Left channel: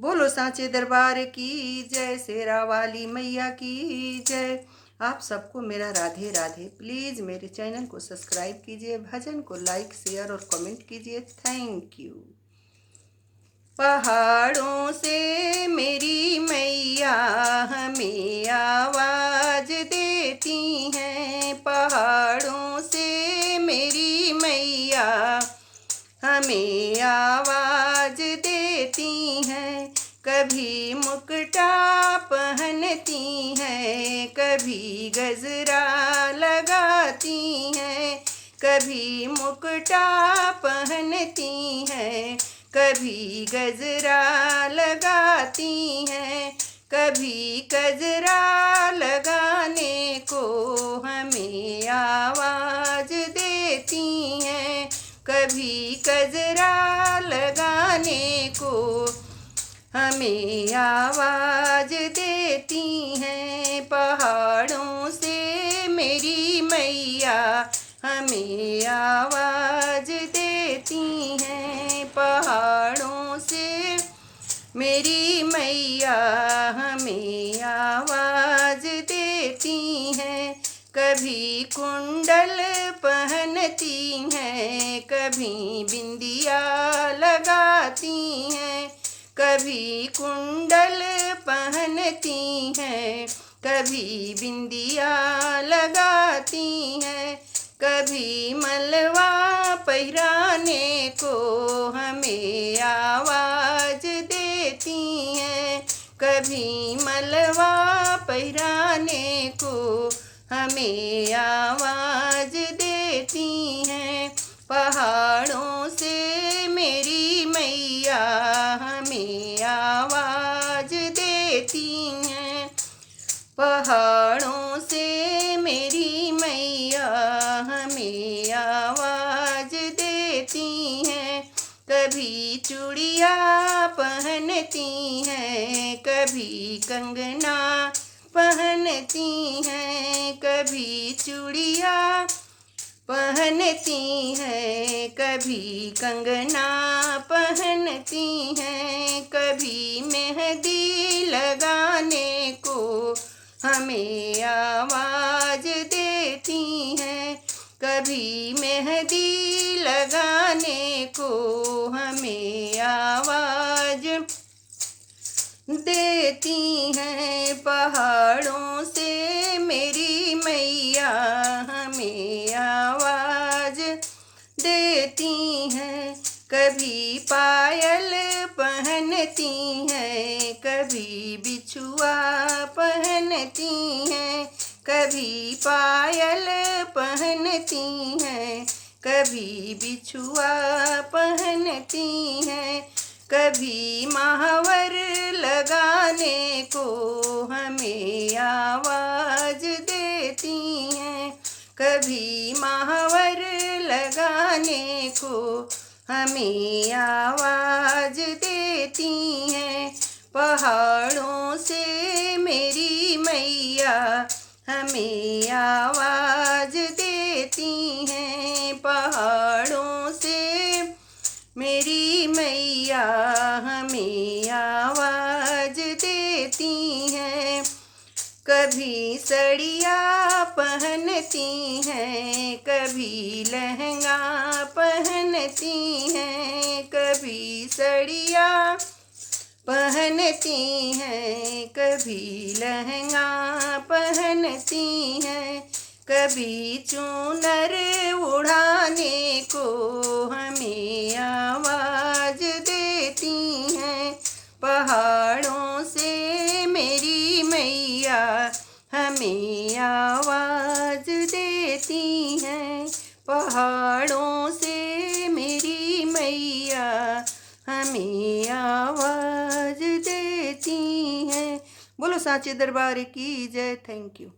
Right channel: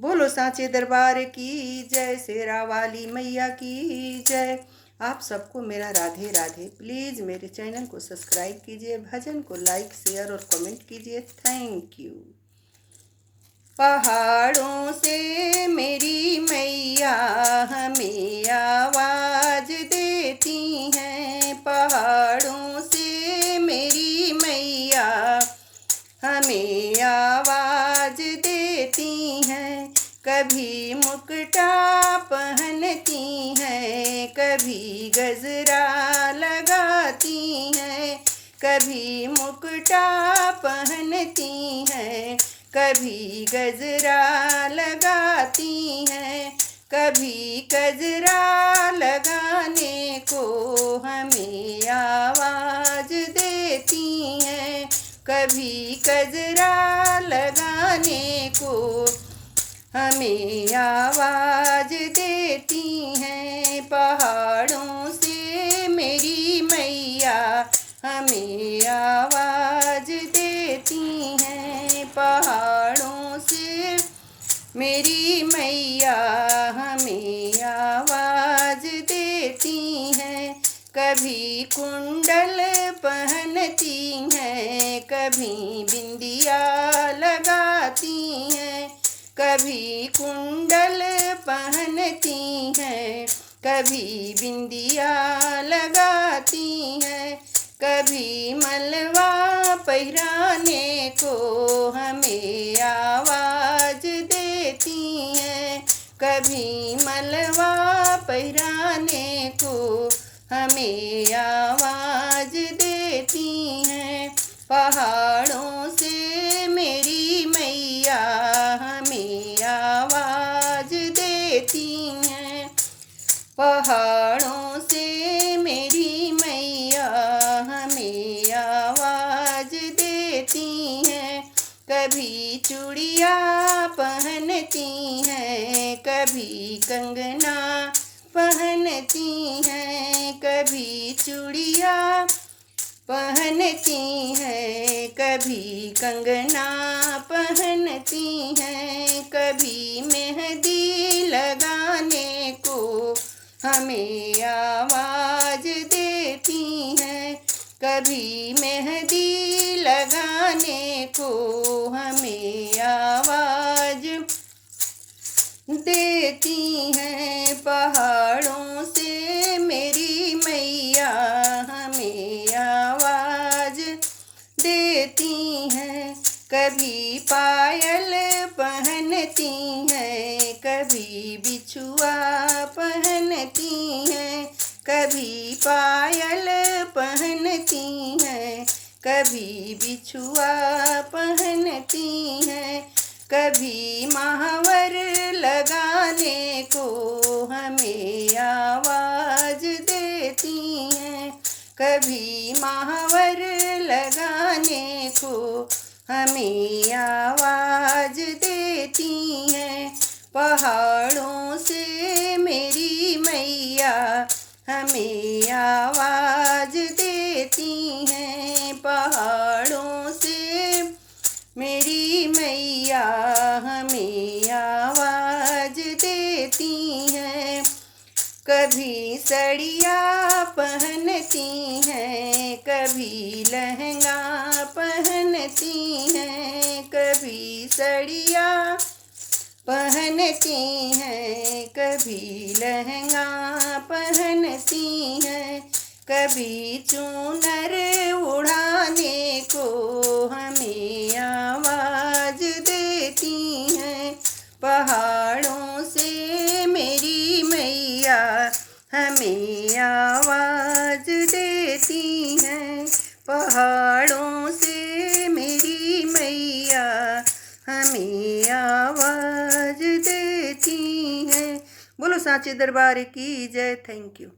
बोलो सांचे दरबार की जय, शेरा वाली मैया की जय। आप सबको मेरा राधे राधे। प्लीज़ मेरे चैनल को सब्सक्राइब कीजिए, भजन को लाइक शेयर और कमेंट कीजिए। Thank you. पहाड़ों से मेरी मैया हमें आवाज़ देती हैं, पहाड़ों से मेरी मैया हमें आवाज़ देती हैं। कभी मुकुटा पहनती हैं, कभी गजरा लगाती हैं, कभी मुकुटा पहनती हैं, कभी गजरा लगाती हैं। कभी गजरा लगाने को हमें आवाज़ देती हैं, कभी गजरा लगाने को हमें आवाज़ देती हैं। पहाड़ों से मेरी मैया हमें आवाज़ देती हैं, पहाड़ों से मेरी मैया हमें आवाज़ देती हैं। कभी कुंडल पहनती हैं, कभी बिंदिया लगाती हैं, कभी कुंडल पहनती हैं, कभी बिंदिया लगाती हैं, कभी मलवा पहिराने को हमें आवाज़ देती हैं, कभी मलवा पहिराने को हमें आवाज़ देती हैं। पहाड़ों से मेरी मैया हमें आवाज़ देती हैं, पहाड़ों से मेरी मैया हमें आवाज़ देती हैं। कभी चूड़िया पहनती हैं, कभी कंगना पहनती हैं, कभी चूड़िया पहनती हैं, कभी कंगना पहनती हैं, कभी मेहंदी लगाने को हमें आवाज़ देती हैं, कभी मेहंदी लगाने को हमें आवाज़ देती हैं। पहाड़ों से मेरी मैया हमें आवाज़ देती हैं। कभी पायल पहनती हैं, कभी बिछुआ पहनती हैं, कभी पायल पहनती हैं, कभी बिछुआ पहनती हैं, कभी महावर लगाने को हमें आवाज़ देती हैं, कभी महावर लगाने को हमें आवाज़ देती हैं। पहाड़ों से मेरी मैया हमें आवाज़ देती हैं, पहाड़ों से मेरी मैया हमें आवाज़ देती हैं। कभी साड़िया पहनती हैं, कभी लहंगा पहनती हैं, कभी साड़िया पहनती हैं, कभी लहंगा पहनती हैं, कभी चूनर उड़ाने को हमें आवाज़ देती हैं। पहाड़ों से मेरी मैया हमें आवाज़ देती हैं, पहाड़ों से मेरी मैया हमें आवाज़ देती हैं। बोलो सांचे दरबार की जय। Thank you.